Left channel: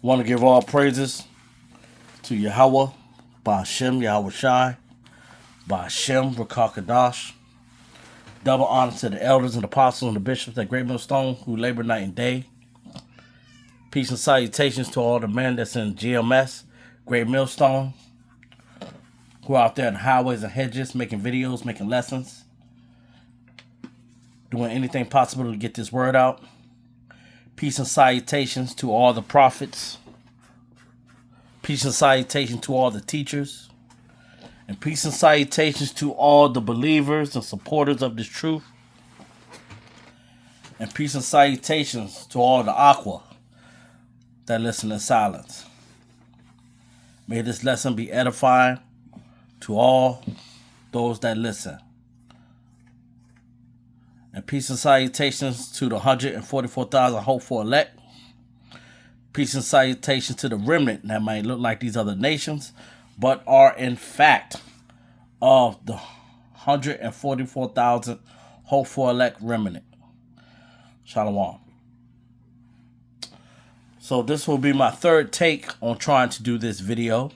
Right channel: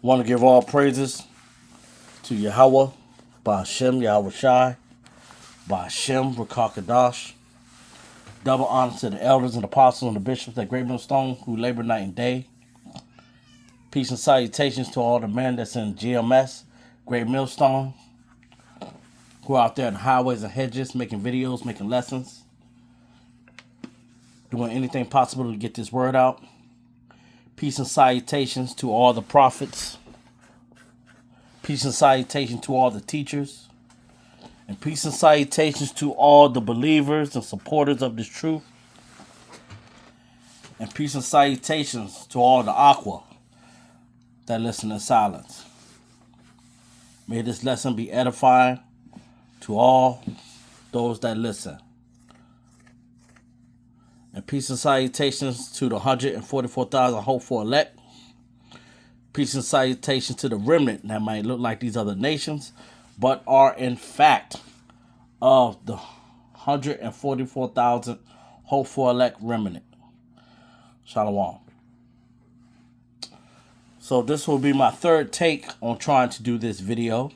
I want to give all praises to Yahweh, Ba'Shem, Yahweh Shai, Ba'Shem, Rakakadash. Double honor to the elders and apostles and the bishops at Great Millstone who labor night and day. Peace and salutations to all the men that's in GMS, Great Millstone, who are out there in highways and hedges making videos, making lessons, doing anything possible to get this word out. Peace and salutations to all the prophets. Peace and salutations to all the teachers. And peace and salutations to all the believers and supporters of this truth. And peace and salutations to all the aqua that listen in silence. May this lesson be edifying to all those that listen. And peace and salutations to the 144,000 hopeful elect. Peace and salutations to the remnant that might look like these other nations, but are in fact of the 144,000 hopeful elect remnant. Shalom. So this will be my third take on trying to do this video.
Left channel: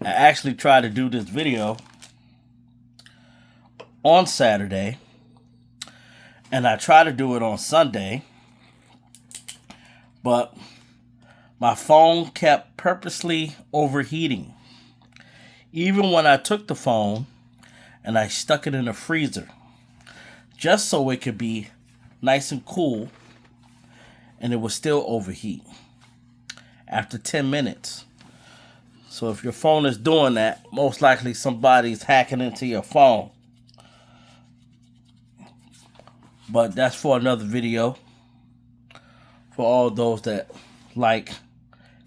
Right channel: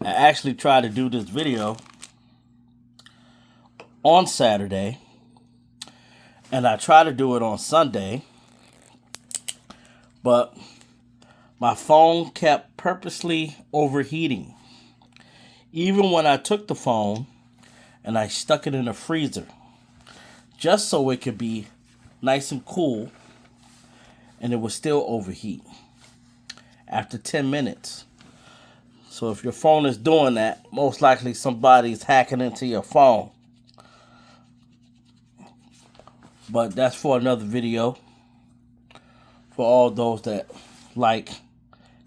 I actually tried to do this video on Saturday, and I tried to do it on Sunday, but my phone kept purposely overheating. Even when I took the phone and I stuck it in the freezer, just so it could be nice and cool, and it would still overheat after 10 minutes. So if your phone is doing that, most likely somebody's hacking into your phone. But that's for another video. For all those that like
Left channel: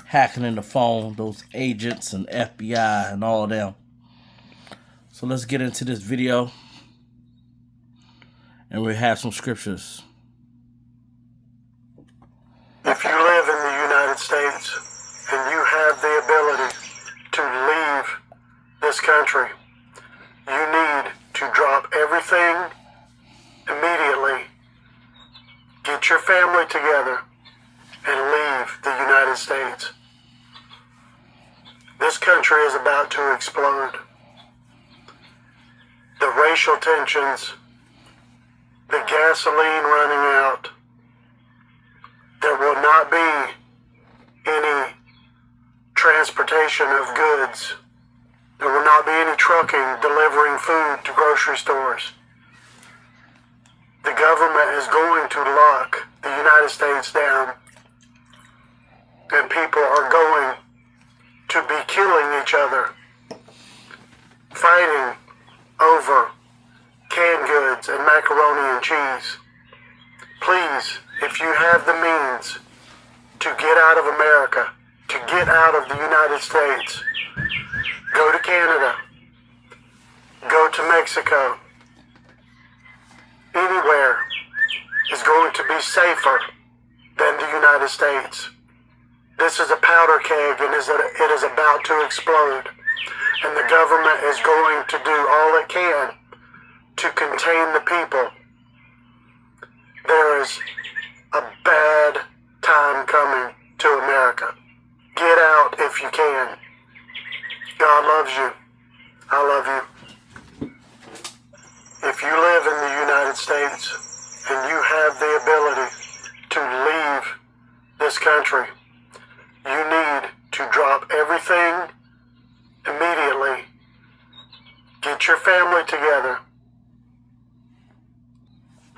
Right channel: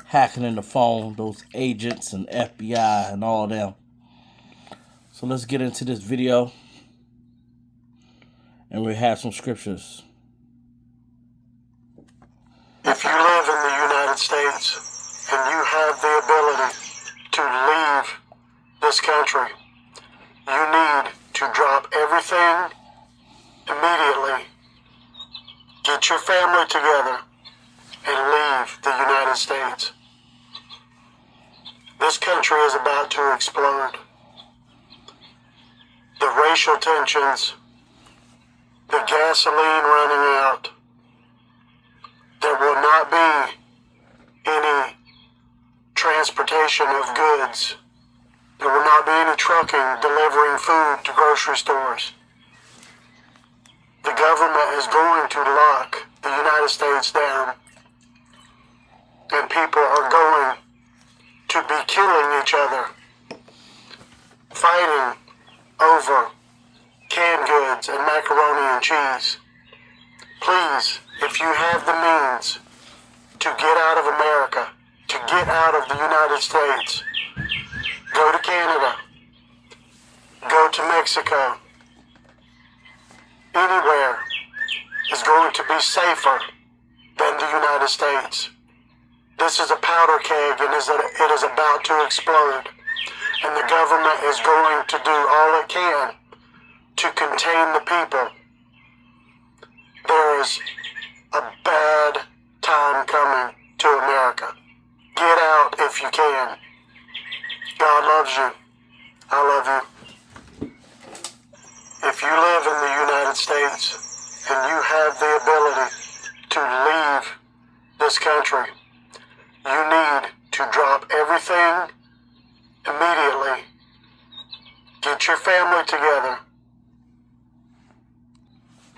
hacking in the phone, those agents and FBI and all them. So let's get into this video. And we have some scriptures. If you live in the United States and you have the ability to leave this country, you need to drop everything immediately, get your family together, and leave the United States. This country is about to explode. The racial tensions, the gasoline running out, there will not be any transportation of goods. There will not be any trucking delivering food to grocery stores. The government is going to lock the United States down, and people are going to be killing each other, fighting over canned goods and macaroni and cheese. Please, if you have the means to get out of America, to get out of the United States, go to Canada, go to Mexico. Anywhere is going to be safer than the United States. This is a powder keg, and it is about to explode. And the government is going to do all it can to contain the people. There is a bad time coming to America. Get out if you can. God loves you. I love you. If you live in the United States and you have the ability to leave this country, you need to drop everything immediately. Get your family together.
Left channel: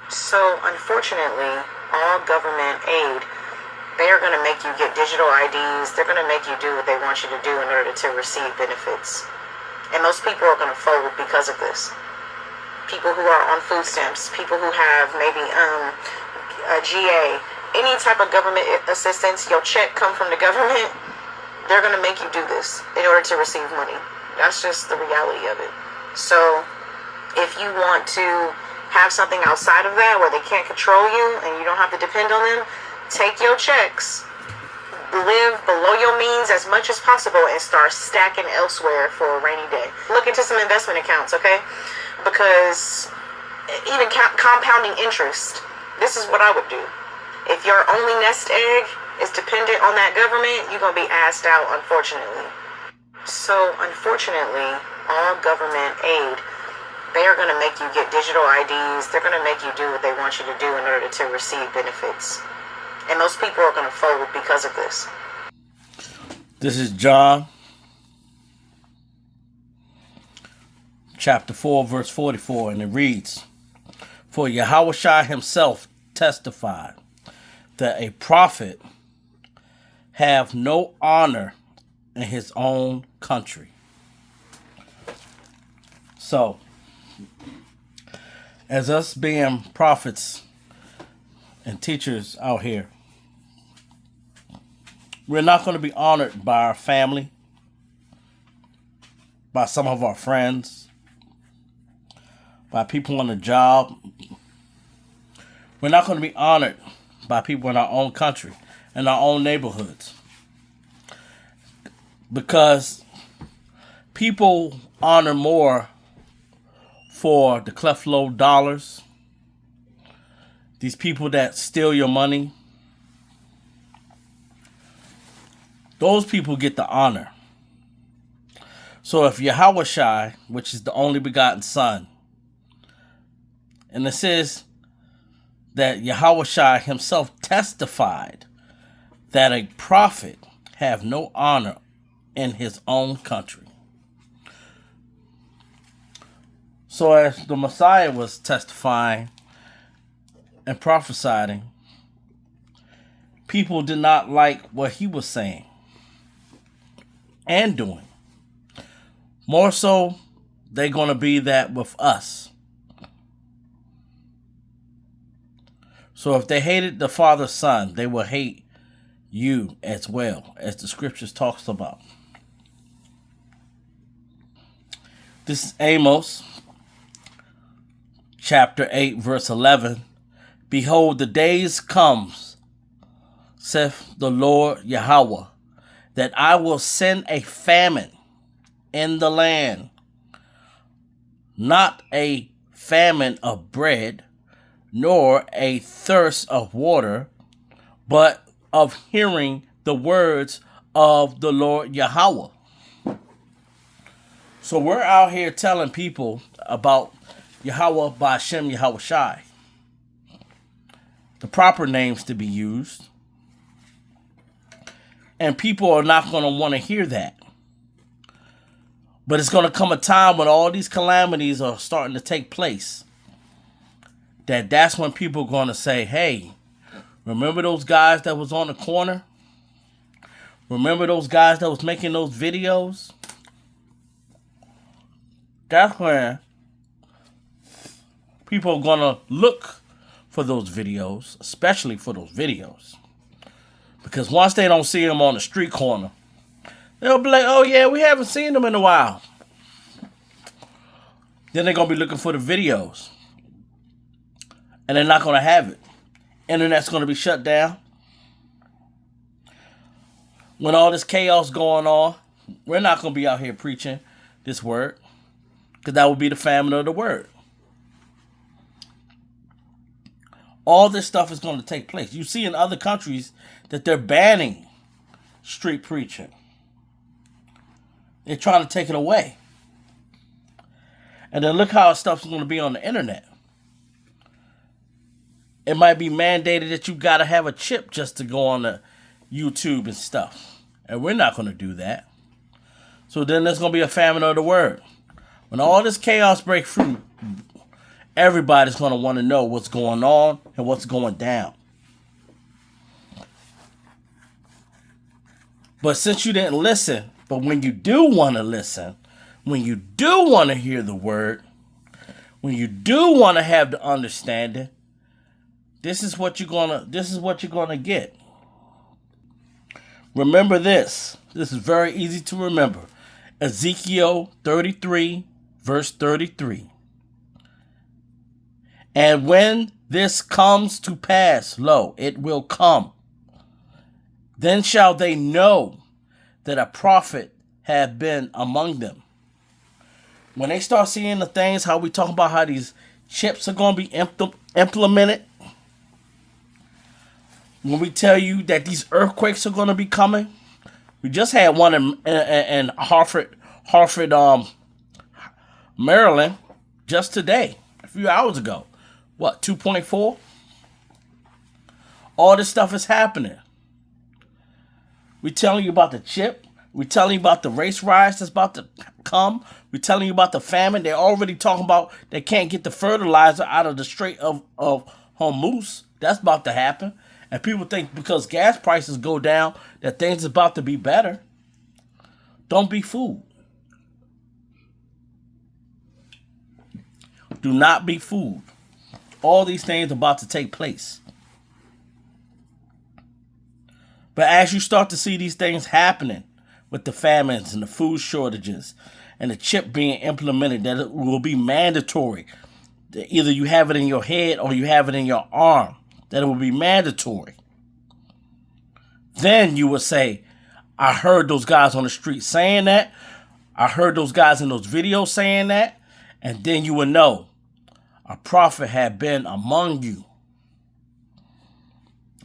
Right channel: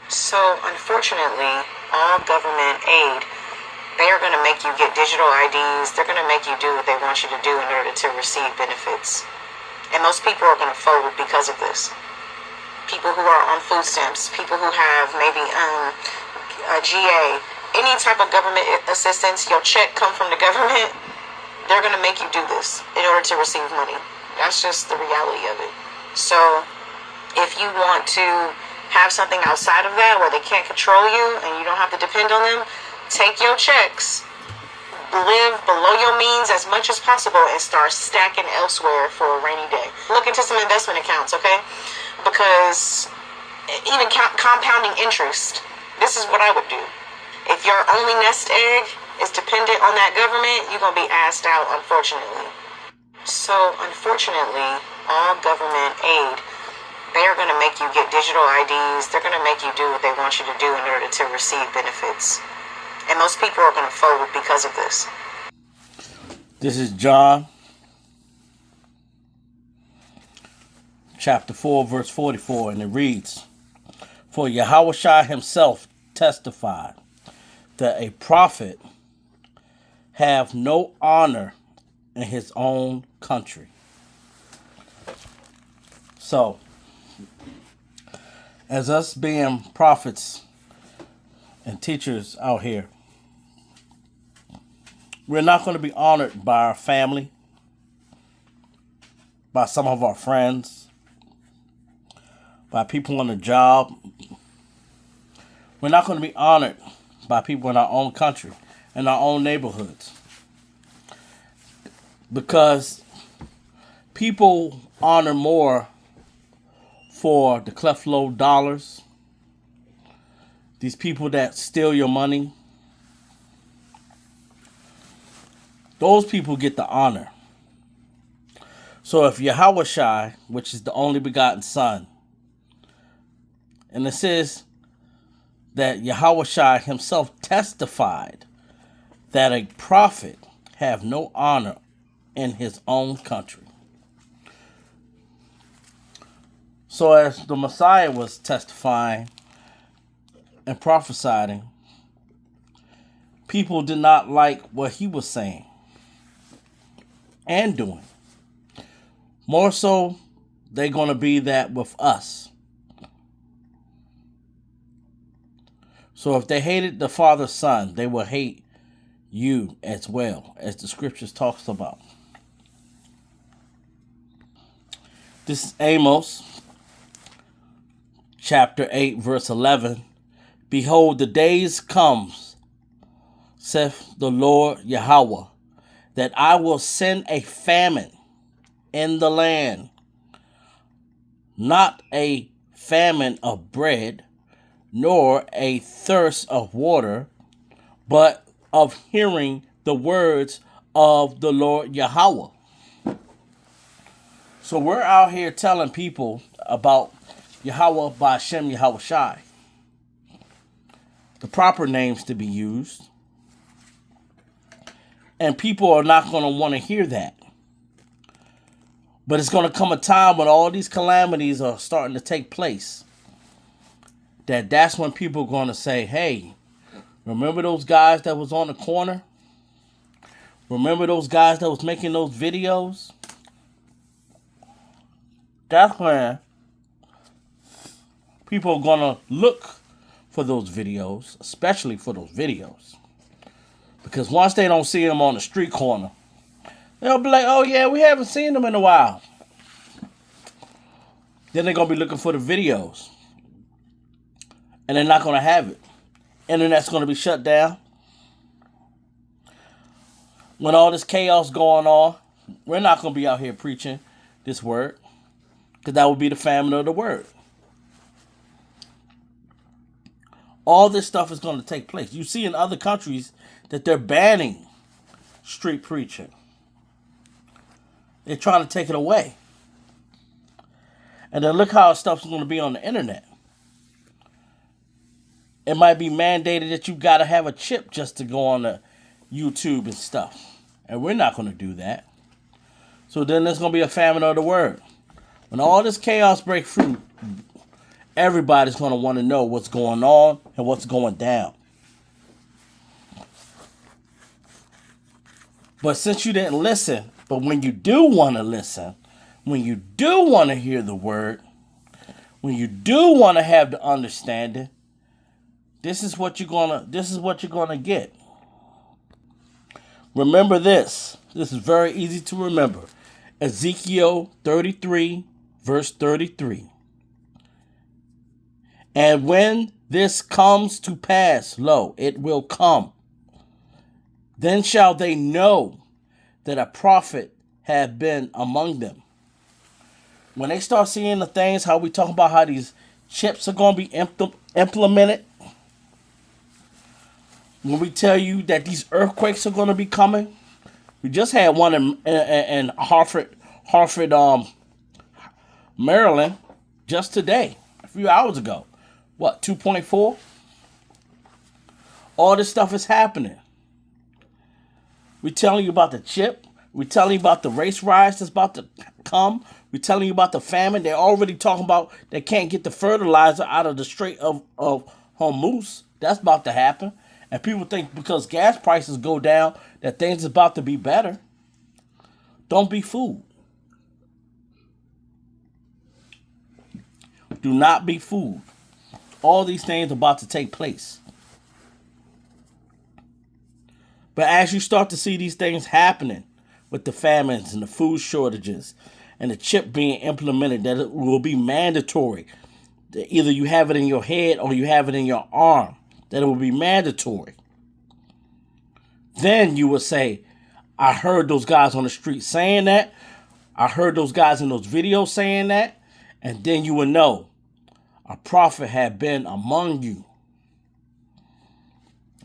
So, unfortunately, all government aid, they are going to make you get digital IDs. They're going to make you do what they want you to do in order to receive benefits. And most people are going to fold because of this. People who are on food stamps, people who have maybe a GA, any type of government assistance, your check come from the government, they're going to make you do this in order to receive money. That's just the reality of it. So, if you want to have something outside of that where they can't control you and you don't have to depend on them, take your checks, live below your means as much as possible, and start stacking elsewhere for a rainy day. Look into some investment accounts, okay? Because even compounding interest, This is what I would do. If your only nest egg is dependent on that government, you're going to be asked out, unfortunately. So, unfortunately, all government aid, they are going to make you get digital IDs. They're going to make you do what they want you to do in order to receive benefits. And most people are going to fold because of this. This is John, chapter 4, verse 44, and it reads, "For Yahushua himself testified that a prophet have no honor in his own country." So, as us being prophets and teachers out here, we're not going to be honored by our family, by some of our friends, by people on the job. We're not going to be honored by people in our own country, in our own neighborhoods. Because people honor more for the cleft low dollars, these people that steal your money. Those people get the honor. So if Yahushua, which is the only begotten Son, and it says that Yahushua himself testified that a prophet have no honor in his own country. So as the Messiah was testifying and prophesying, people did not like what he was saying and doing. More so, they're going to be that with us. So if they hated the Father, Son, they will hate you as well, as the scriptures talks about. This is Amos, chapter 8, verse 11. "Behold, the days comes, saith the Lord Yahweh, that I will send a famine in the land, not a famine of bread, nor a thirst of water, but of hearing the words of the Lord Yahweh." So we're out here telling people about Yahweh Ba'Shem Yahushai, the proper names to be used. And people are not going to want to hear that. But it's going to come a time when all these calamities are starting to take place, that's when people are going to say, hey, remember those guys that was on the corner? Remember those guys that was making those videos? That's when people are going to look for those videos, especially for those videos. Because once they don't see them on the street corner, they'll be like, oh yeah, we haven't seen them in a while. Then they're going to be looking for the videos. And they're not going to have it. Internet's going to be shut down. When all this chaos going on, we're not going to be out here preaching this word. Because that would be the famine of the word. All this stuff is going to take place. You see in other countries that they're banning street preaching. They're trying to take it away. And then look how stuff's going to be on the internet. It might be mandated that you got to have a chip just to go on the YouTube and stuff. And we're not going to do that. So then there's going to be a famine of the word. When all this chaos breaks through, everybody's going to want to know what's going on and what's going down. But since you didn't listen, but when you do want to listen, when you do want to hear the word, when you do want to have the understanding, this is what you're gonna get. Remember this. This is very easy to remember. Ezekiel 33, verse 33. "And when this comes to pass, lo, it will come. Then shall they know that a prophet have been among them." When they start seeing the things, how we talk about how these chips are going to be implemented, When we tell you that these earthquakes are going to be coming, we just had one in Hartford, Maryland, just today, a few hours ago. What, 2.4? All this stuff is happening. We're telling you about the chip. We're telling you about the race riots that's about to come. We're telling you about the famine. They're already talking about they can't get the fertilizer out of the Strait of Hormuz. That's about to happen. And people think because gas prices go down that things are about to be better. Don't be fooled. Do not be fooled. All these things are about to take place. But as you start to see these things happening with the famines and the food shortages and the chip being implemented, that it will be mandatory. That either you have it in your head or you have it in your arm. That it will be mandatory. Then you will say, I heard those guys on the street saying that. I heard those guys in those videos saying that. And then you will know a prophet had been among you.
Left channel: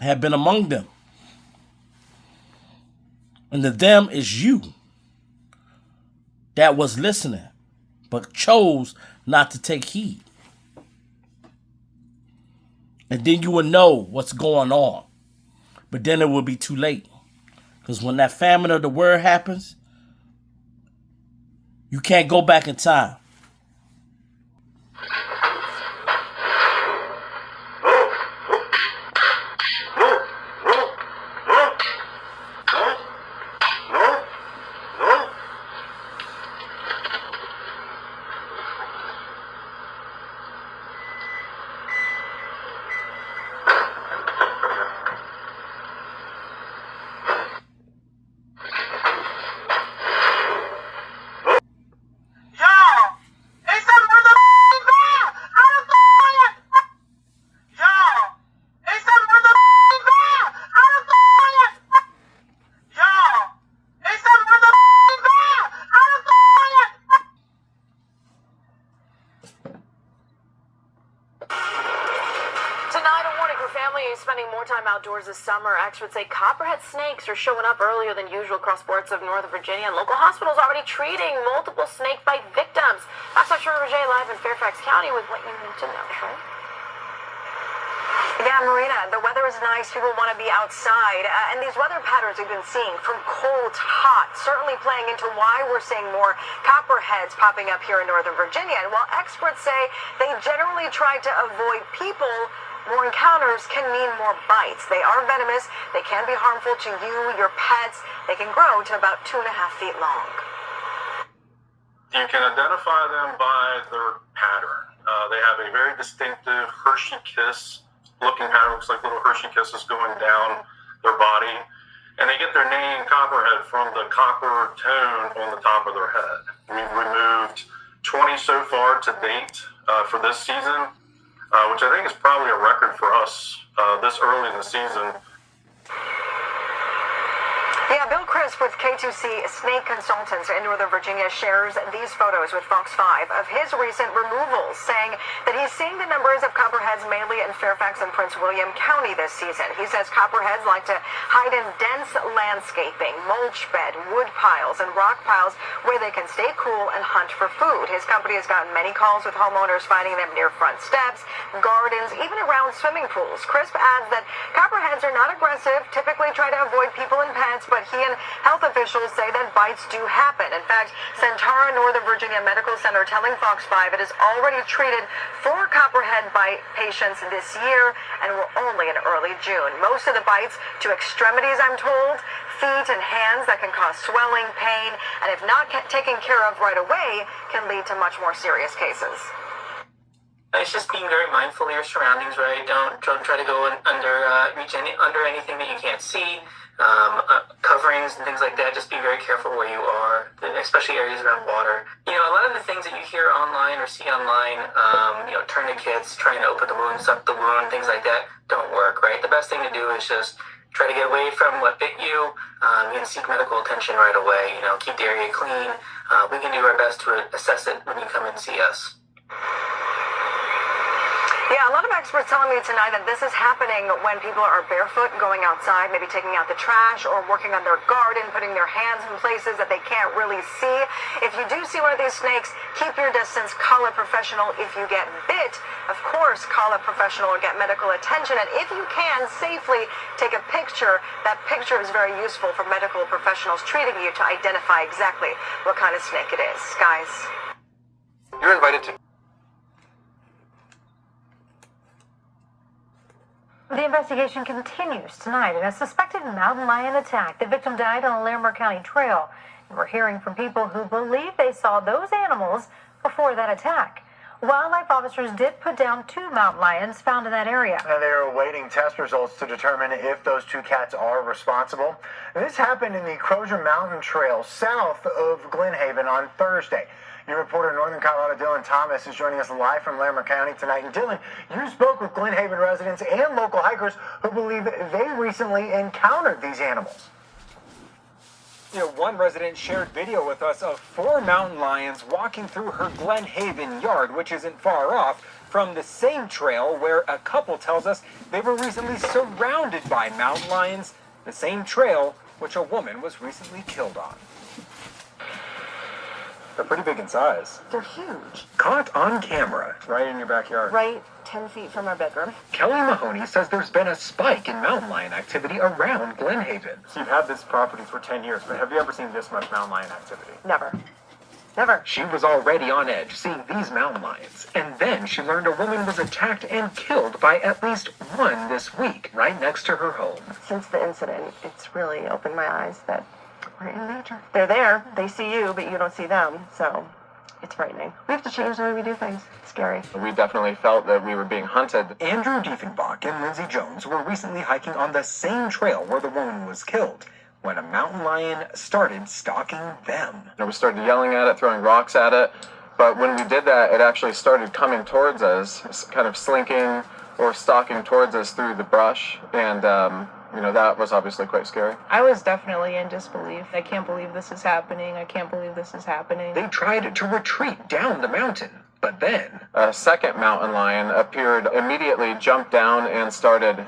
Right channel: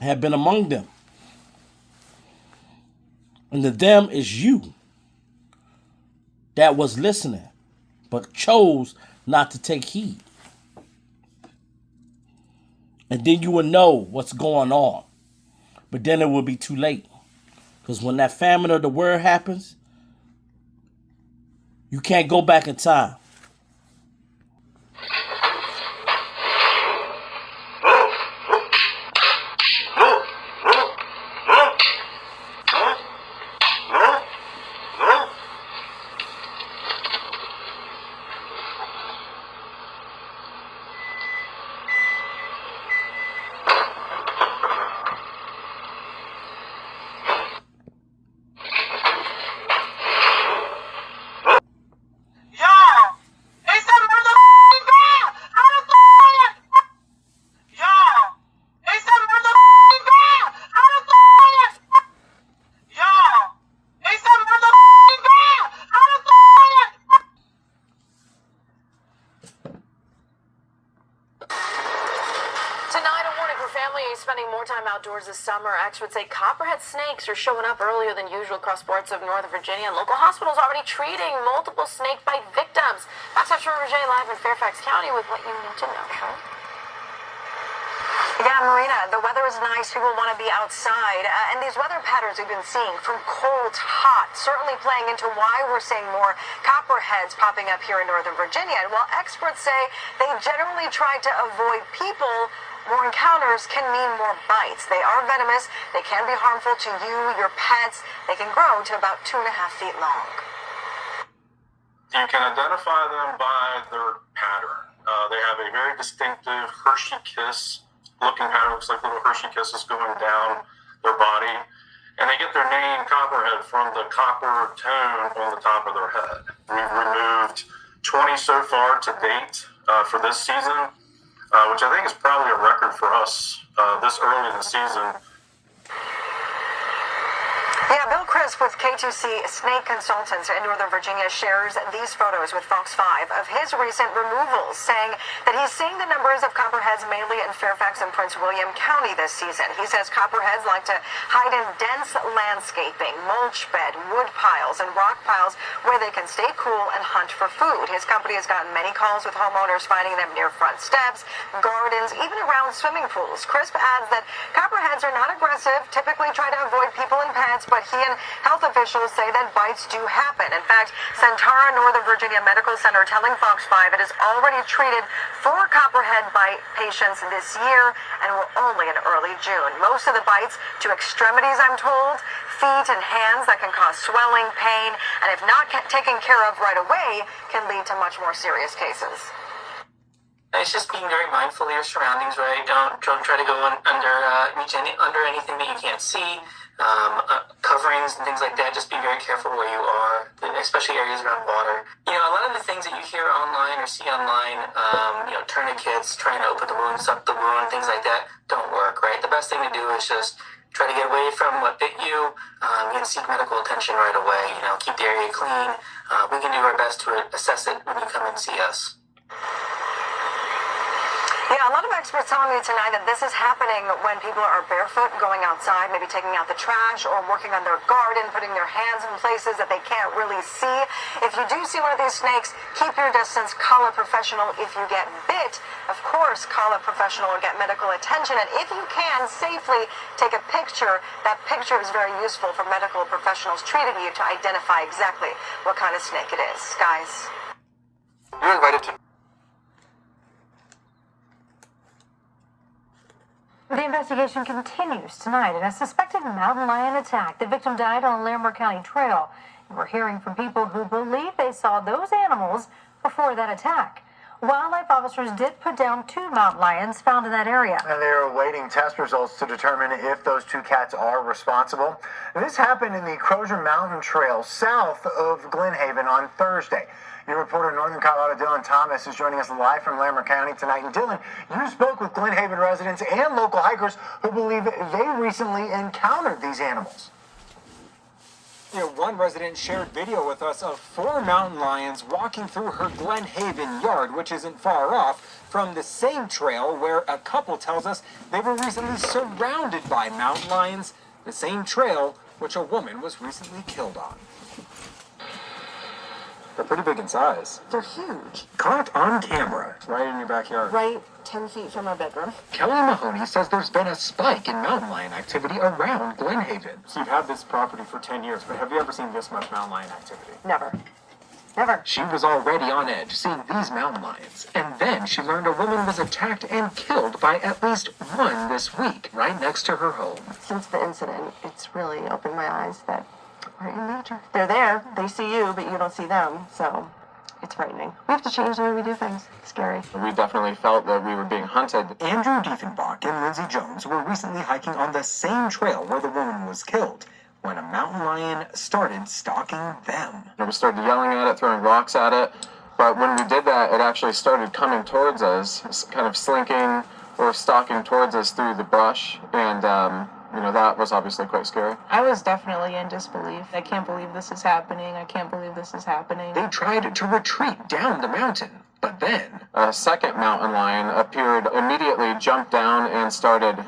Had been among them. And the them is you that was listening, but chose not to take heed. And then you will know what's going on. But then it will be too late. Because when that famine of the word happens, you can't go back in time. Spending more time outdoors this summer, experts say copperhead snakes are showing up earlier than usual across parts of Northern Virginia, and local hospitals already treating multiple snake bite victims. That's our Roger live in Fairfax County with what you need to know. Sure. Yeah, Marina, the weather is nice. People want to be outside. And these weather patterns we've been seeing from cold to hot, certainly playing into why we're seeing more copperheads popping up here in Northern Virginia. And while experts say they generally try to avoid people, more encounters can mean more bites. They are venomous. They can be harmful to you, your pets. They can grow to about 2.5 feet long. You can identify them by their pattern. They have a very distinctive Hershey kiss looking pattern. Looks like little Hershey kisses going down their body. And they get their name copperhead from the copper tone on the top of their head. We've removed 20 so far to date for this season. Which I think is probably a record for us this early in the season. Yeah, Bill Crisp with K2C Snake Consultants in Northern Virginia shares these photos with Fox 5 of his recent removals, saying that he's seeing the numbers of copperheads mainly in Fairfax and Prince William County this season. He says copperheads like to hide in dense landscaping, mulch bed, wood piles, and rock piles where they can stay cool and hunt for food. His company has gotten many calls with homeowners finding them near front steps, gardens, even around swimming pools. Crisp adds that copperheads are not aggressive, typically try to avoid people and pets, but he and health officials say that bites do happen. In fact, Centara Northern Virginia Medical Center telling Fox 5 it has already treated 4 copperhead bite patients this year, and we're only in early June. Most of the bites to extremities, I'm told, feet and hands that can cause swelling, pain, and if not taken care of right away, can lead to much more serious cases. It's just being very mindful of your surroundings, right? Don't try to go reach under anything that you can't see. Coverings and things like that. Just be very careful where you are, especially areas around water. You know, a lot of the things that you hear online or see online, tourniquets, trying to open the wound, suck the wound, things like that, don't work, right? The best thing to do is just try to get away from what bit you. You can seek medical attention right away. Keep the area clean. We can do our best to assess it when you come and see us. Yeah, a lot of experts telling me tonight that this is happening when people are barefoot going outside, maybe taking out the trash or working on their garden, putting their hands in places that they can't really see. If you do see one of these snakes, keep your distance, call a professional. If you get bit, of course, call a professional or get medical attention. And if you can, safely take a picture. That picture is very useful for medical professionals treating you to identify exactly what kind of snake it is. Guys. You're invited to... The investigation continues tonight in a suspected mountain lion attack. The victim died on a Larimer County trail. And we're hearing from people who believe they saw those animals before that attack. Wildlife officers did put down 2 mountain lions found in that area. And they are awaiting test results to determine if those 2 cats are responsible. This happened in the Crozier Mountain Trail south of Glen Haven on Thursday. Your reporter in Northern Colorado, Dylan Thomas, is joining us live from Larimer County tonight. And Dylan, you spoke with Glen Haven residents and local hikers who believe they recently encountered these animals. You know, one resident shared video with us of 4 mountain lions walking through her Glen Haven yard, which isn't far off from the same trail where a couple tells us they were recently surrounded by mountain lions, the same trail which a woman was recently killed on. They're pretty big in size. They're huge. Caught on camera, right in your backyard. Right 10 feet from our bedroom. Kelly Mahoney says there's been a spike in mountain lion activity around Glen Haven. So you've had this property for 10 years, but have you ever seen this much mountain lion activity? Never. Never. She was already on edge seeing these mountain lions, and then she learned a woman was attacked and killed by at least one this week, right next to her home. Since the incident, it's really opened my eyes that we're in nature. They're there, they see you, but you don't see them, so it's frightening. We have to change the way we do things. It's scary. We definitely felt that we were being hunted. Andrew Diefenbach and Lindsay Jones were recently hiking on the same trail where the woman was killed when a mountain lion started stalking them. We started yelling at it, throwing rocks at it, but when we did that, it actually started coming towards us, kind of slinking or stalking towards us through the brush, and that was obviously quite scary. I was definitely in disbelief. I can't believe this is happening. I can't believe this is happening. They tried to retreat down the mountain, but then A second mountain lion appeared, immediately jumped down and started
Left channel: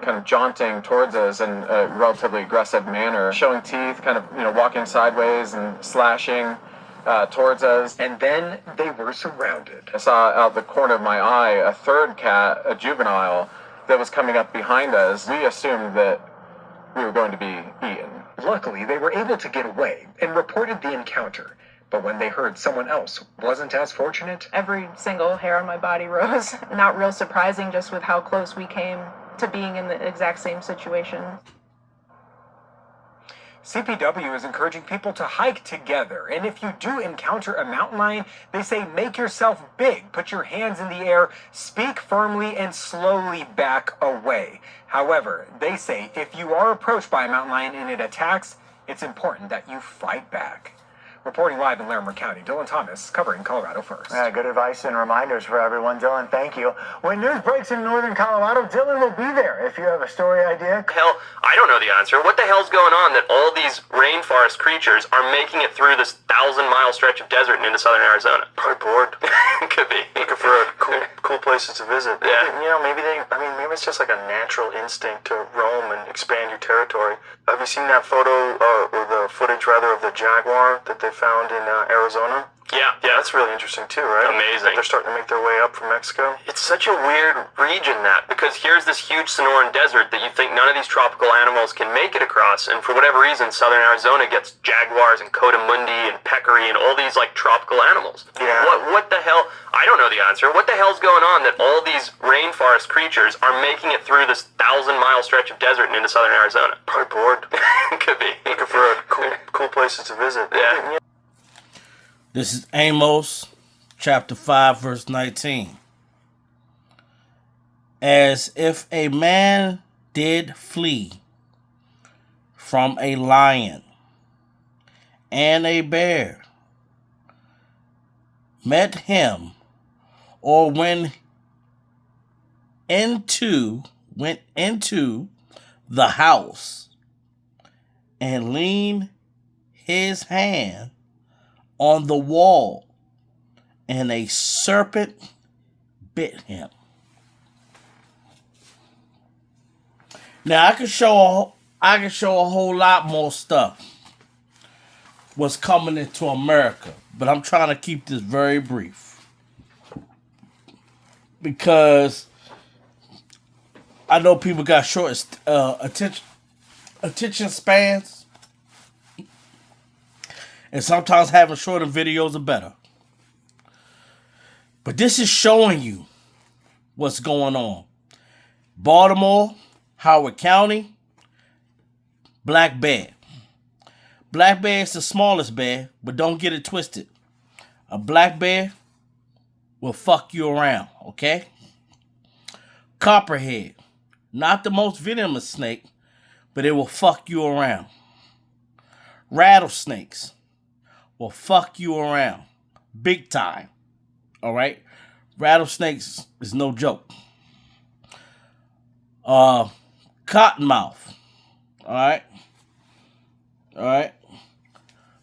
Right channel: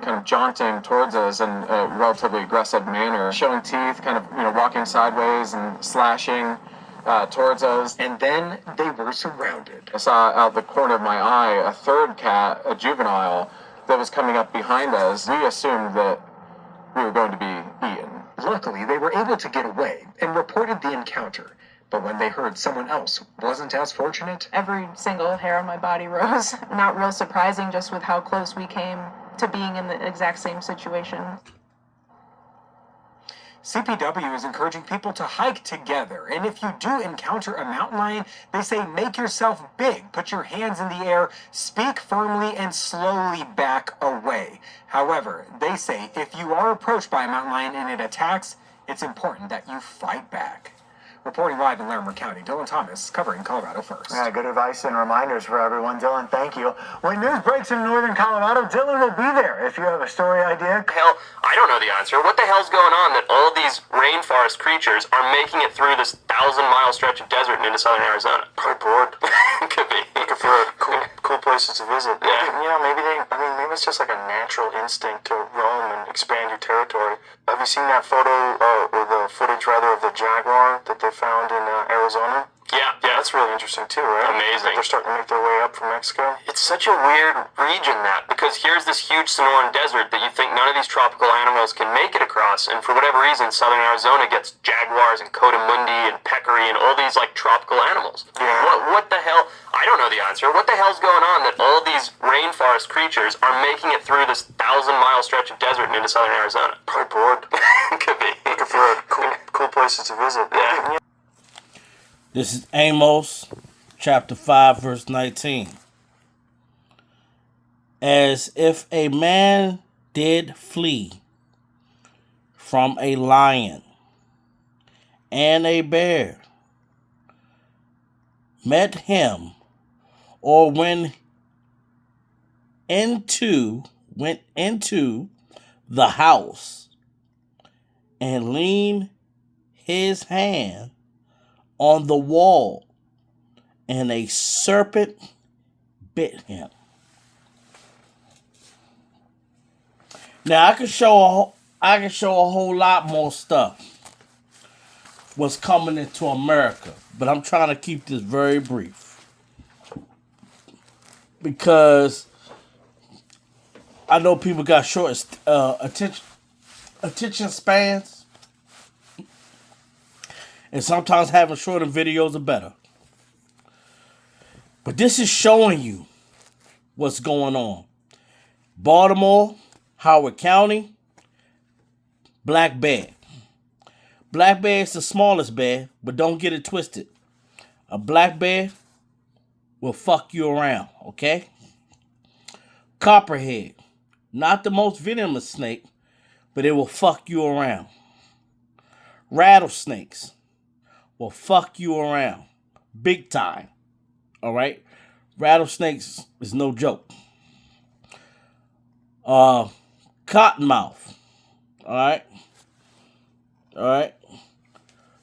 kind of jaunting towards us in a relatively aggressive manner, showing teeth, kind of, walking sideways and slashing towards us. and then they were surrounded. I saw out the corner of my eye a third cat, a juvenile, that was coming up behind us. We assumed that we were going to be eaten. Luckily, they were able to get away and reported the encounter. But when they heard someone else wasn't as fortunate, Every single hair on my body rose. Not real surprising, just with how close we came to being in the exact same situation. CPW is encouraging people to hike together. And if you do encounter a mountain lion, they say make yourself big, put your hands in the air, speak firmly, and slowly back away. However, they say if you are approached by a mountain lion and it attacks, it's important that you fight back. Reporting live in Larimer County, Dylan Thomas, covering Colorado First. Good advice and reminders for everyone. Dylan, thank you. When news breaks in Northern Colorado, Dylan will be there. If you have a story idea, Hell, I don't know the answer. What the hell's going on that all these rainforest creatures are making it through this 1,000-mile stretch of desert and into southern Arizona? Probably bored. Could be. Looking for cool places to visit. Yeah. Maybe maybe it's just like a natural instinct to roam and expand your territory. Have you seen that photo, or the footage rather, of the jaguar that they found in Arizona? Yeah. That's really interesting too, right? Amazing. They're starting to make their way up from Mexico. It's such a weird region because here's this huge Sonoran desert that you think none of these tropical animals can make it across, and for whatever reason, southern Arizona gets jaguars and coatimundi and peccary and all these tropical animals. Yeah. What the hell? I don't know the answer. What the hell's going on that all these rainforest creatures are making it through this 1,000-mile stretch of desert and into southern Arizona? Probably bored. Could be. Looking for cool places to visit. Yeah. This is Amos, chapter 5, verse 19. As if a man did flee from a lion and a bear met him, or went into the house and leaned his hand on the wall, and a serpent bit him. Now I can show a whole lot more stuff what's coming into America, but I'm trying to keep this very brief because I know people got short attention spans, and sometimes having shorter videos are better. But this is showing you what's going on. Baltimore, Howard County, black bear. Black bear is the smallest bear, but don't get it twisted. A black bear will fuck you around, okay? Copperhead, not the most venomous snake, but it will fuck you around. Rattlesnakes will fuck you around big time, all right? Rattlesnakes is no joke. Cottonmouth, all right? All right?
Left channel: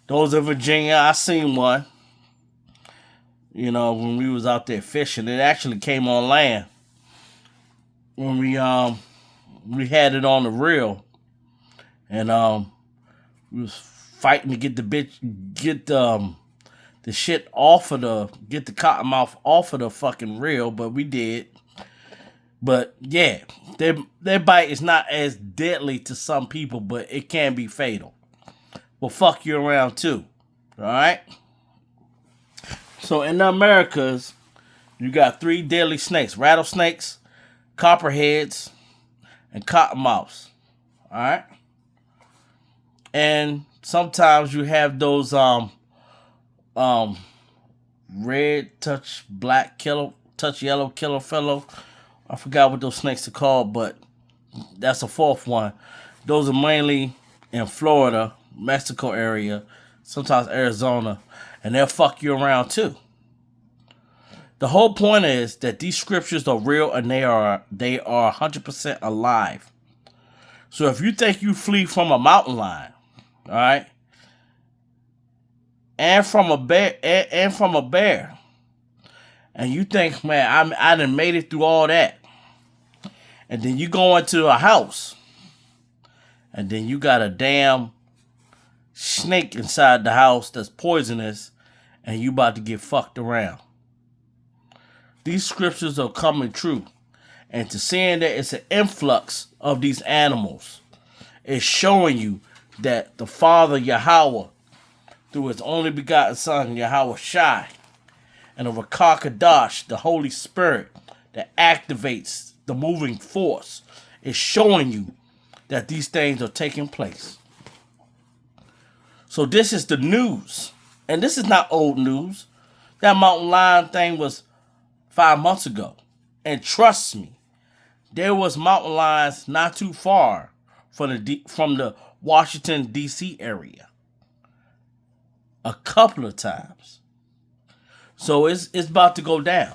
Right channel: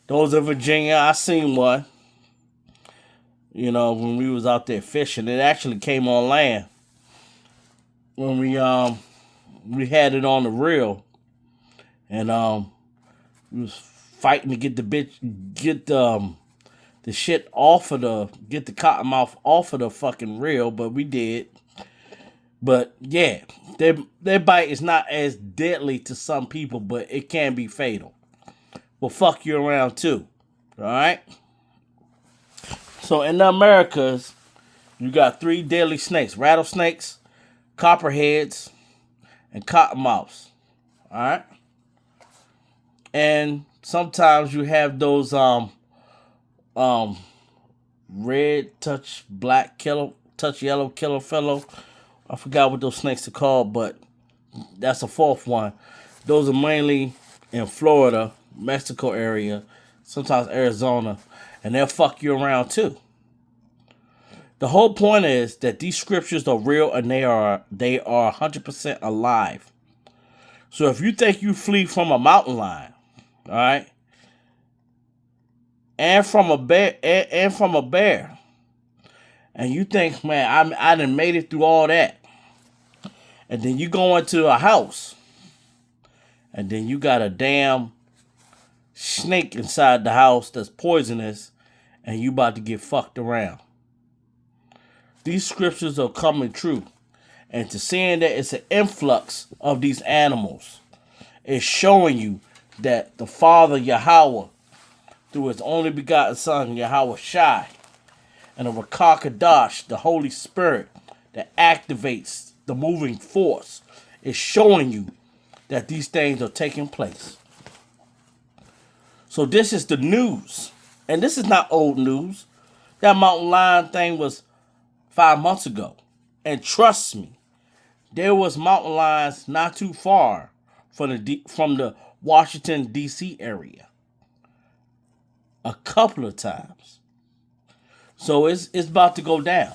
Those in Virginia, I seen one. You know, when we was out there fishing, it actually came on land. When we had it on the reel, and we was fighting to get the shit off of get the cottonmouth off of the fucking reel, but we did. But yeah, their bite is not as deadly to some people, but it can be fatal. Will fuck you around too. All right. So in the Americas, you got 3 deadly snakes: rattlesnakes, copperheads, and cottonmouths. All right. And sometimes you have those red touch black killer touch yellow killer fellow. I forgot what those snakes are called, but that's a 4th one. Those are mainly in Florida, Mexico area, sometimes Arizona, and they'll fuck you around too. The whole point is that these scriptures are real and they are 100% alive. So if you think you flee from a mountain lion, all right, and from a bear, and you think, man, I done made it through all that, and then you go into a house, and then you got a damn snake inside the house that's poisonous, and you about to get fucked around. These scriptures are coming true. And to seeing that it's an influx of these animals is showing you that the Father Yahweh, through his only begotten Son, Yahweh Shai, and the Rakah Kadash, the Holy Spirit, that activates the moving force, is showing you that these things are taking place. So this is the news. And this is not old news. That mountain lion thing was 5 months ago. And trust me, there was mountain lions not too far from the Washington, D.C. area. A couple of times. So it's about to go down.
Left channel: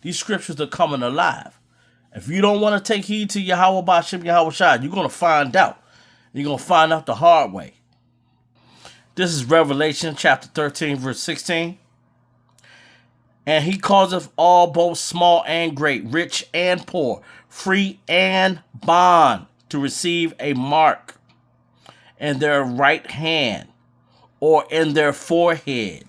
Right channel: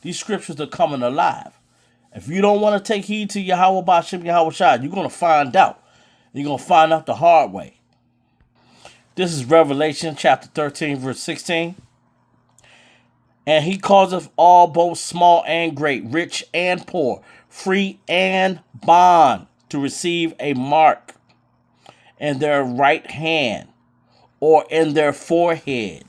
These scriptures are coming alive. If you don't want to take heed to Yahweh Ba'Shem Yahweh Shai, you're going to find out. You're going to find out the hard way. This is Revelation chapter 13, verse 16. And he causeth all, both small and great, rich and poor, free and bond, to receive a mark in their right hand or in their foreheads.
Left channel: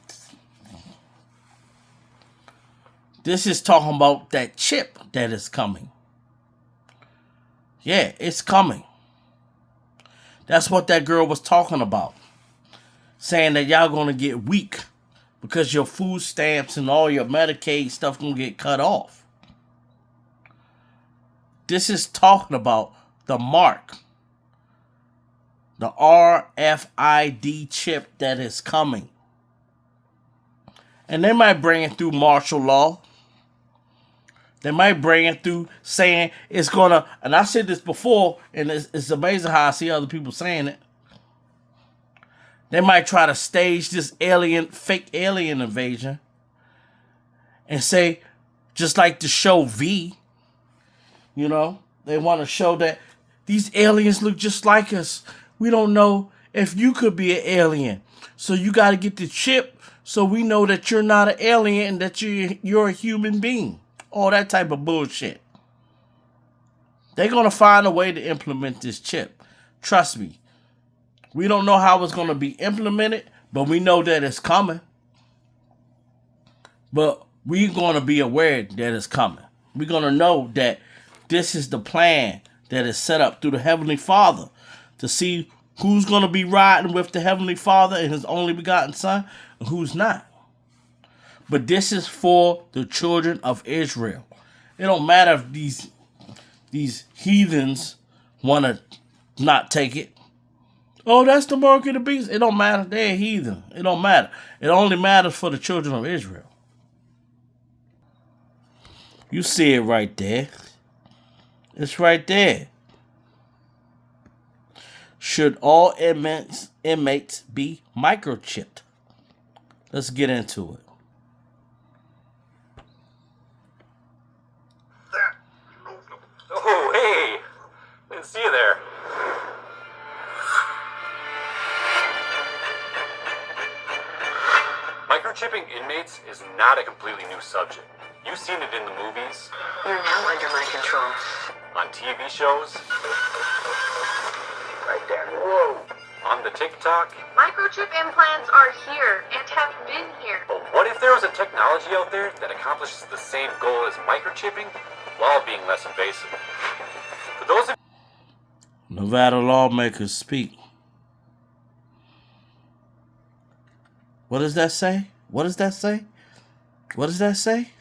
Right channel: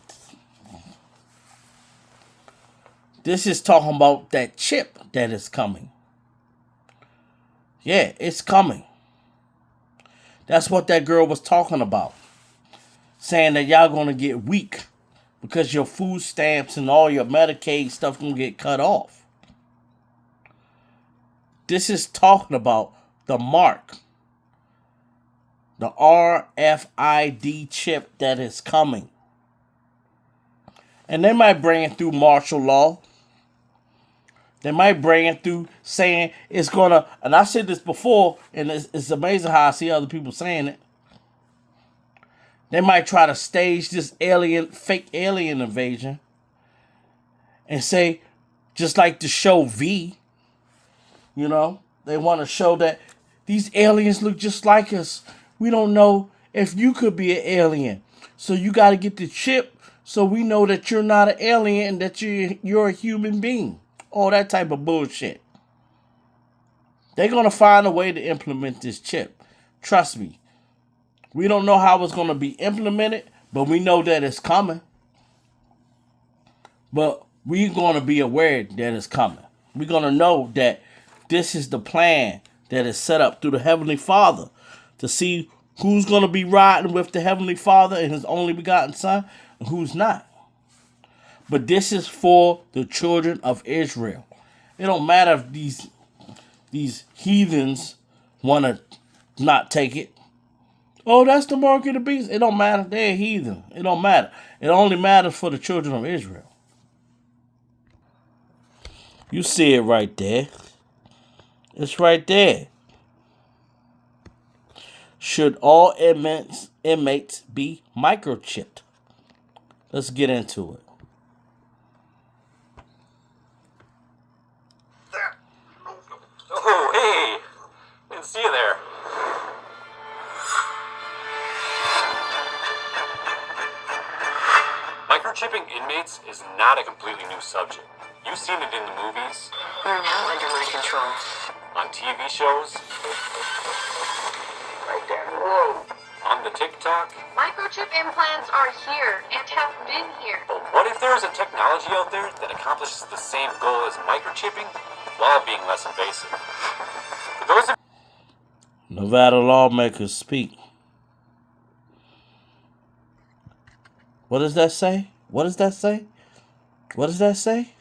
This is talking about that chip that is coming. Yeah, it's coming. That's what that girl was talking about. Saying that y'all going to get weak because your food stamps and all your Medicaid stuff going to get cut off. This is talking about the mark. The RFID chip that is coming. And they might bring it through martial law. They might bring it through saying it's going to, and I said this before, and it's amazing how I see other people saying it. They might try to stage this fake alien invasion and say, just like the show V, you know, they want to show that these aliens look just like us. We don't know if you could be an alien. So you got to get the chip so we know that you're not an alien and that you're a human being. All that type of bullshit. They're going to find a way to implement this chip. Trust me. We don't know how it's going to be implemented, but we know that it's coming. But we're going to be aware that it's coming. We're going to know that this is the plan that is set up through the Heavenly Father to see who's going to be riding with the Heavenly Father and His only begotten Son and who's not. But this is for the children of Israel. It don't matter if these heathens want to not take it. Oh, that's the mark of the beast. It don't matter. They're a heathen. It don't matter. It only matters for the children of Israel. You see it right there. It's right there. Should all inmates be microchipped? Let's get into it. Oh, hey! Didn't see you there. Microchipping inmates is not a completely new subject. You've seen it in the movies. You're now under my control. On TV shows. Right there. Whoa. On the TikTok. Microchip implants are here and have been here. But what if there was a technology out there that accomplishes the same goal as microchipping while being less invasive? For those of Nevada lawmakers speak. What does that say? What does that say? What does that say?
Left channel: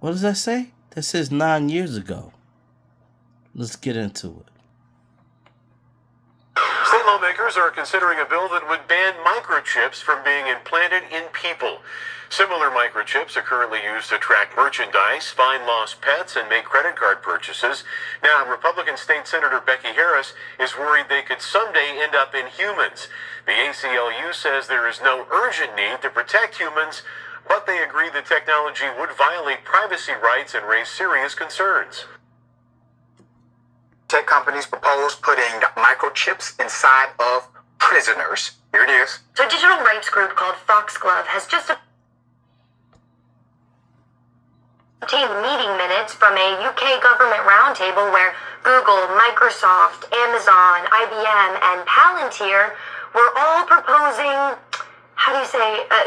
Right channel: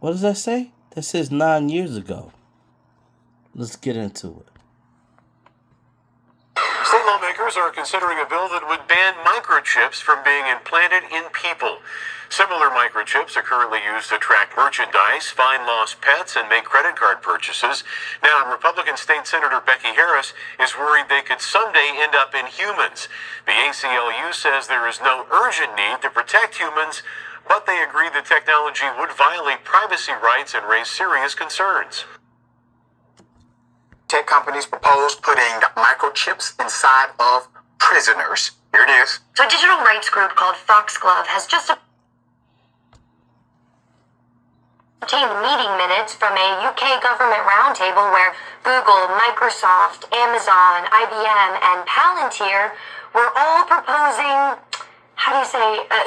What does that say? That says 9 years ago. Let's get into it. State lawmakers are considering a bill that would ban microchips from being implanted in people. Similar microchips are currently used to track merchandise, find lost pets, and make credit card purchases. Now, Republican State Senator Becky Harris is worried they could someday end up in humans. The ACLU says there is no urgent need to protect humans, but they agree the technology would violate privacy rights and raise serious concerns. Tech companies propose putting microchips inside of prisoners. Here it is. So a digital rights group called Foxglove has just obtained meeting minutes from a UK government roundtable where Google, Microsoft, Amazon, IBM, and Palantir were all proposing,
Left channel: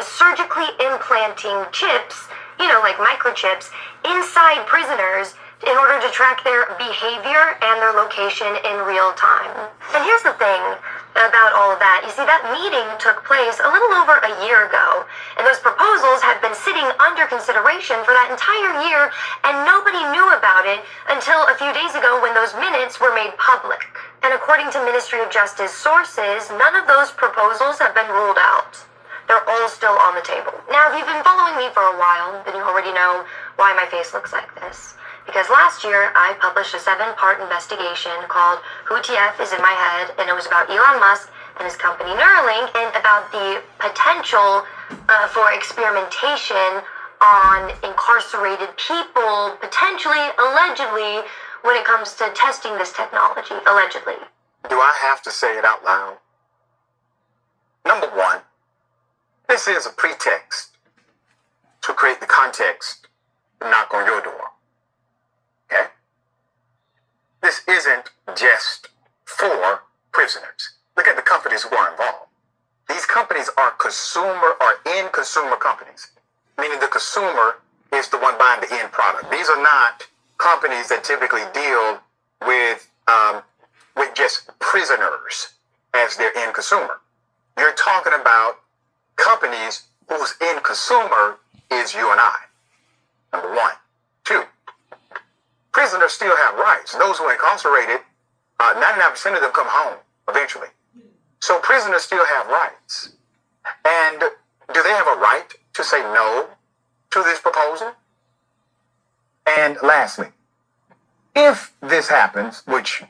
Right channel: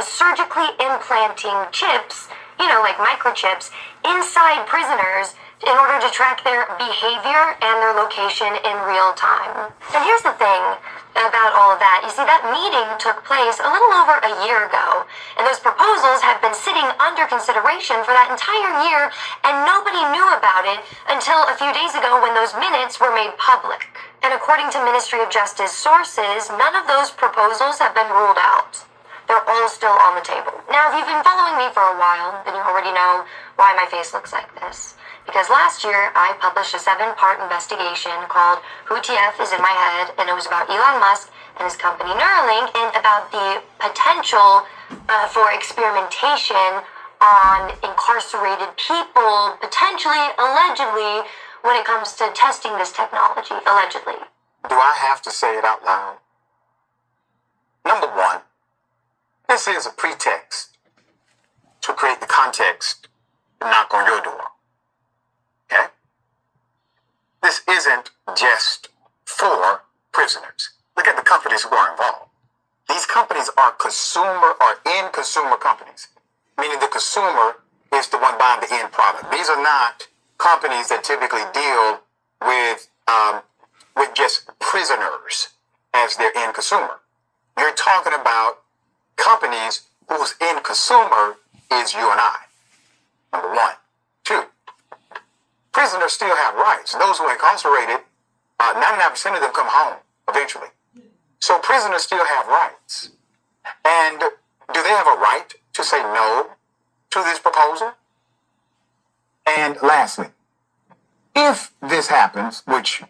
surgically implanting chips, like microchips, inside prisoners in order to track their behavior and their location in real time. And here's the thing about all of that. You see, that meeting took place a little over a year ago, and those proposals have been sitting under consideration for that entire year, and nobody knew about it until a few days ago when those minutes were made public. And according to Ministry of Justice sources, none of those proposals have been ruled out. They're all still on the table. Now, if you've been following me for a while, then you already know why my face looks like this. Because last year, I published a 7-part investigation called Who TF is in My Head, and it was about Elon Musk and his company Neuralink, and about the potential for experimentation on incarcerated people, potentially, allegedly, when it comes to testing this technology, allegedly. Do I have to say it out loud? Number one, this is a pretext to create the context to knock on your door. Okay? This isn't just for prisoners. Look at the companies who are involved. These companies are end consumer companies, meaning the consumer is the one buying the end product. These are not companies that typically deal with just prisoners as their end consumer. You're talking about companies whose end consumer is you and I. Number one. Two, prisoners still have rights. Those who are incarcerated, 99% of them come home eventually. So prisoners still have rights. And do they have a right to say no to this proposal? And lastly, if this happens, which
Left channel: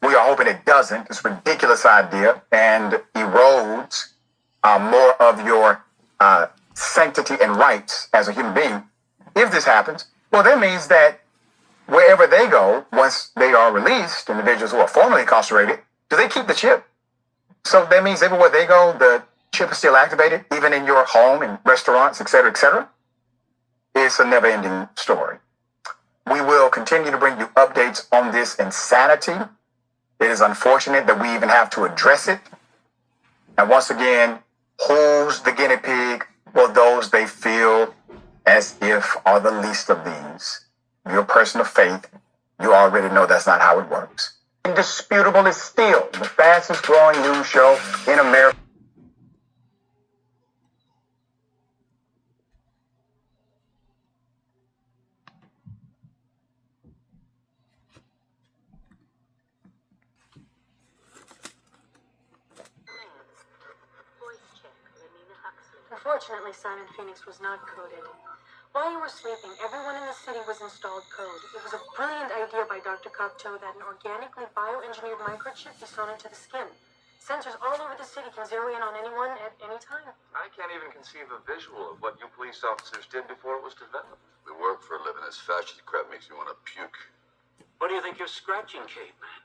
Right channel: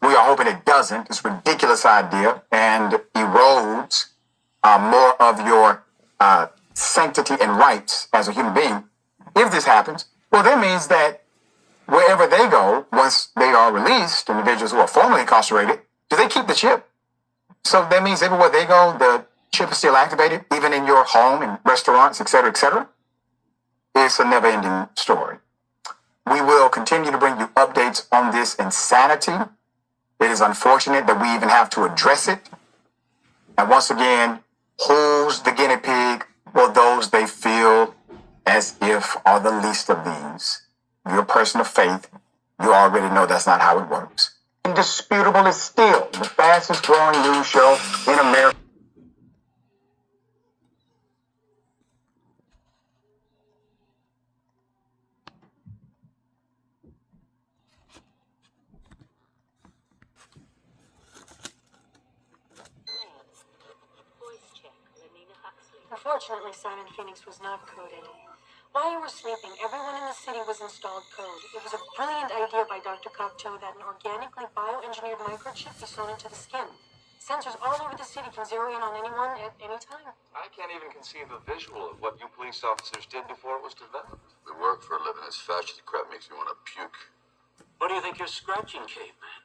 we are hoping it doesn't, it's a ridiculous idea and erodes more of your sanctity and rights as a human being. If this happens, well, that means that wherever they go, once they are released, individuals who are formerly incarcerated, do they keep the chip? So that means everywhere they go, the chip is still activated, even in your home and restaurants, et cetera, et cetera. It's a never-ending story. We will continue to bring you updates on this insanity. It is unfortunate that we even have to address it. And once again, who's the guinea pig? Well, those they feel as if are the least of these. You're a person of faith. You already know that's not how it works. Indisputable is still the fastest growing news show in America. Unfortunately, Simon Phoenix was not coded. While you were sleeping, everyone in the city was installed code. It was a brilliant idea by Dr. Cocteau that an organically bioengineered microchip be sewn into the skin. Sensors all over the city can zero in on anyone at any time. I can't even conceive a visual of what you police officers did before it was developed. We work for a living. As fascist crap makes me want to puke. What do you think you're scratching, caveman?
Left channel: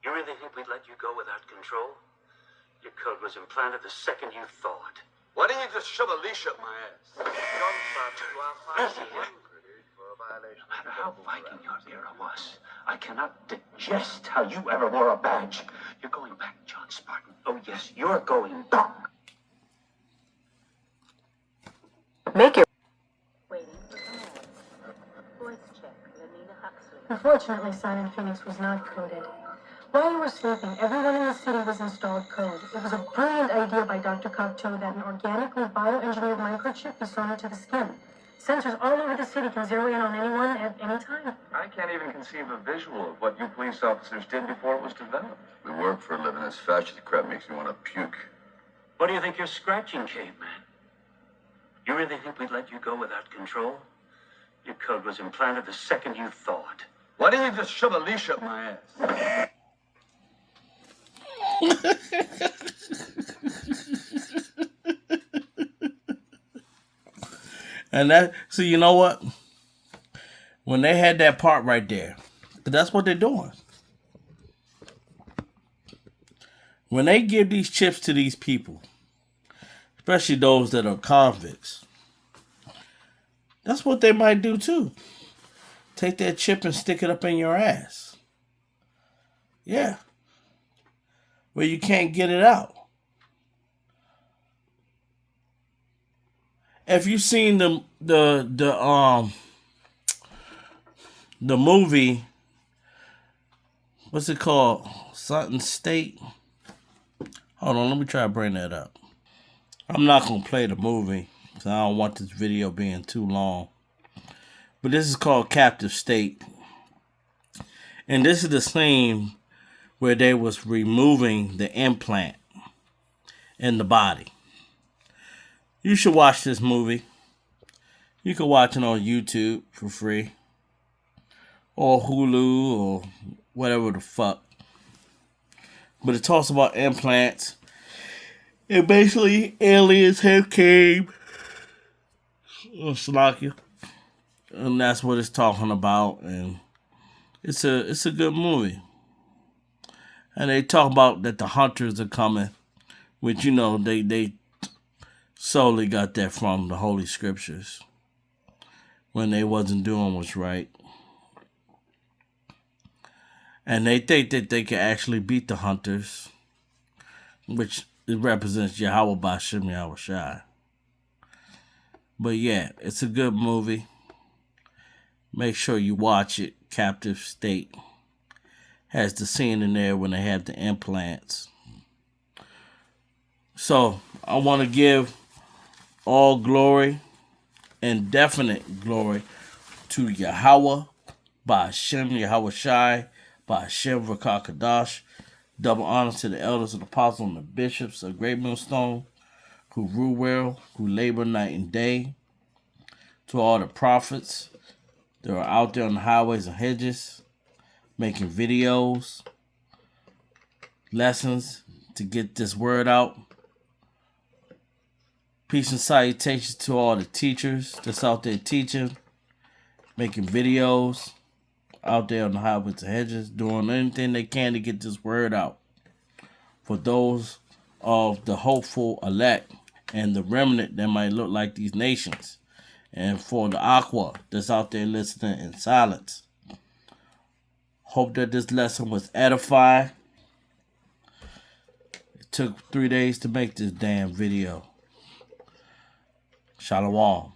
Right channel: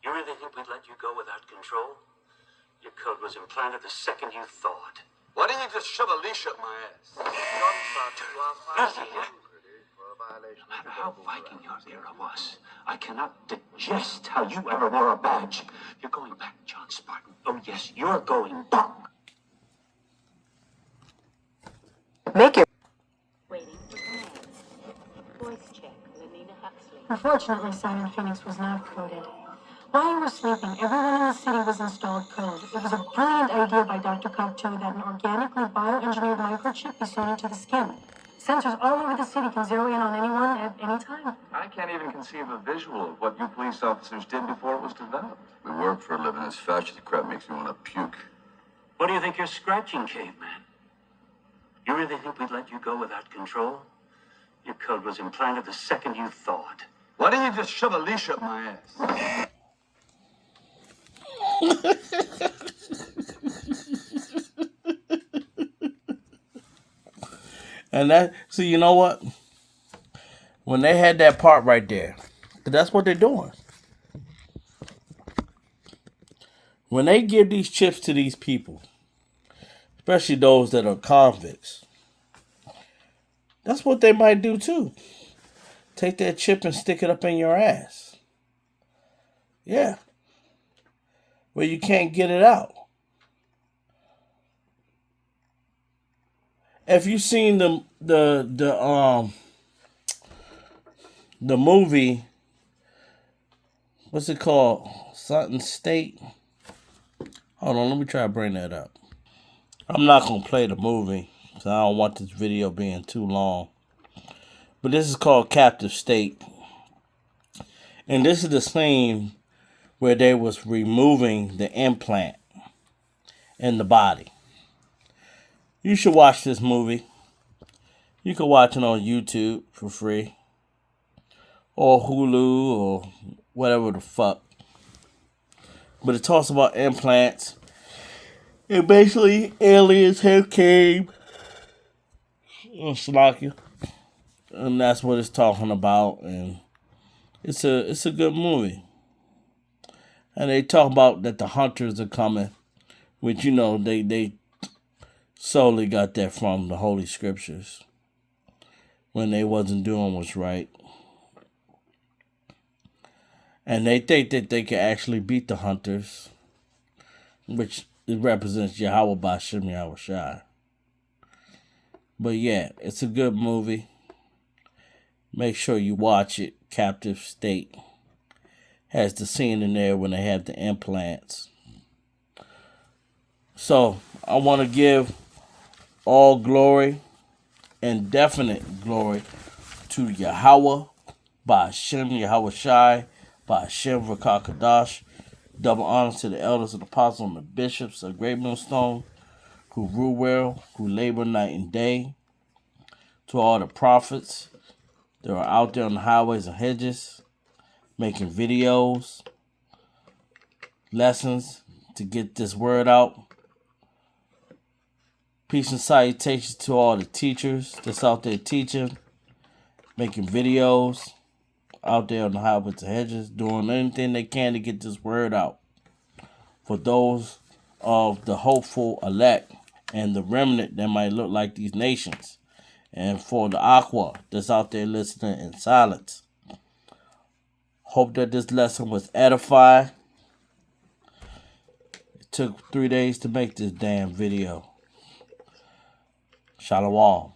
You really think we'd let you go without control? Your code was implanted the second you thawed. Why didn't you just shove a leash up my ass? No matter how Viking your era was, I cannot digest how you ever wore a badge. You're going back, John Spartan. Oh, yes, you're going back. Make it. Waiting for commands. Voice check, Lenina Huxley. Unfortunately, Simon Phoenix was not coded. While you were sleeping, everyone in the city was installed code. It was a brilliant idea by Dr. Cocteau that an organically bioengineered microchip be sewn into the skin. Sensors all over the city can zero in on anyone at any time. I can't even conceive a visual of what you police officers did before it was developed. We work for a living. As fascist crap makes me want to puke. What do you think you're scratching, caveman? You really think we'd let you go without control? Your code was implanted the second you thawed. Why didn't you just shove a leash up my ass? And that, so you know what? When they had that part right there, that's what they're doing. When they give these chips to these people, especially those that are convicts, that's what they might do too. Take that chip and stick it up in your ass. Yeah. Where you can't get it out. If you've seen the movie, what's it called? Something State. Hold on, let me try to bring that up. I'm not gonna play the movie because I don't want this video being too long. But this is called Captive State, and this is the scene where they was removing the implant in the body. You should watch this movie. You can watch it on YouTube for free. Or Hulu or whatever the fuck. But it talks about implants. And basically aliens have came. Slovakia. And that's what it's talking about. And it's a good movie. And they talk about that the hunters are coming. Which, you know, they solely got that from the Holy Scriptures when they wasn't doing what's right. And they think that they can actually beat the hunters, which it represents Yahweh Bashem Yahweh Shai. But yeah, it's a good movie. Make sure you watch it. Captive State has the scene in there when they have the implants. So I want to give all glory and definite glory to Yahweh, Ba'Hashem, Yahweh Shai, Ba'Hashem V'Kah Kadash. Double honor to the elders and apostles and the bishops of Great Millstone who rule well, who labor night and day. To all the prophets that are out there on the highways and hedges making videos, lessons to get this word out. Peace and salutations to all the teachers that's out there teaching, making videos, out there on the highways and hedges, doing anything they can to get this word out. For those of the hopeful elect and the remnant that might look like these nations And for the Aqua that's out there listening in silence, hope that this lesson was edifying. It took 3 days to make this damn video. Shalom.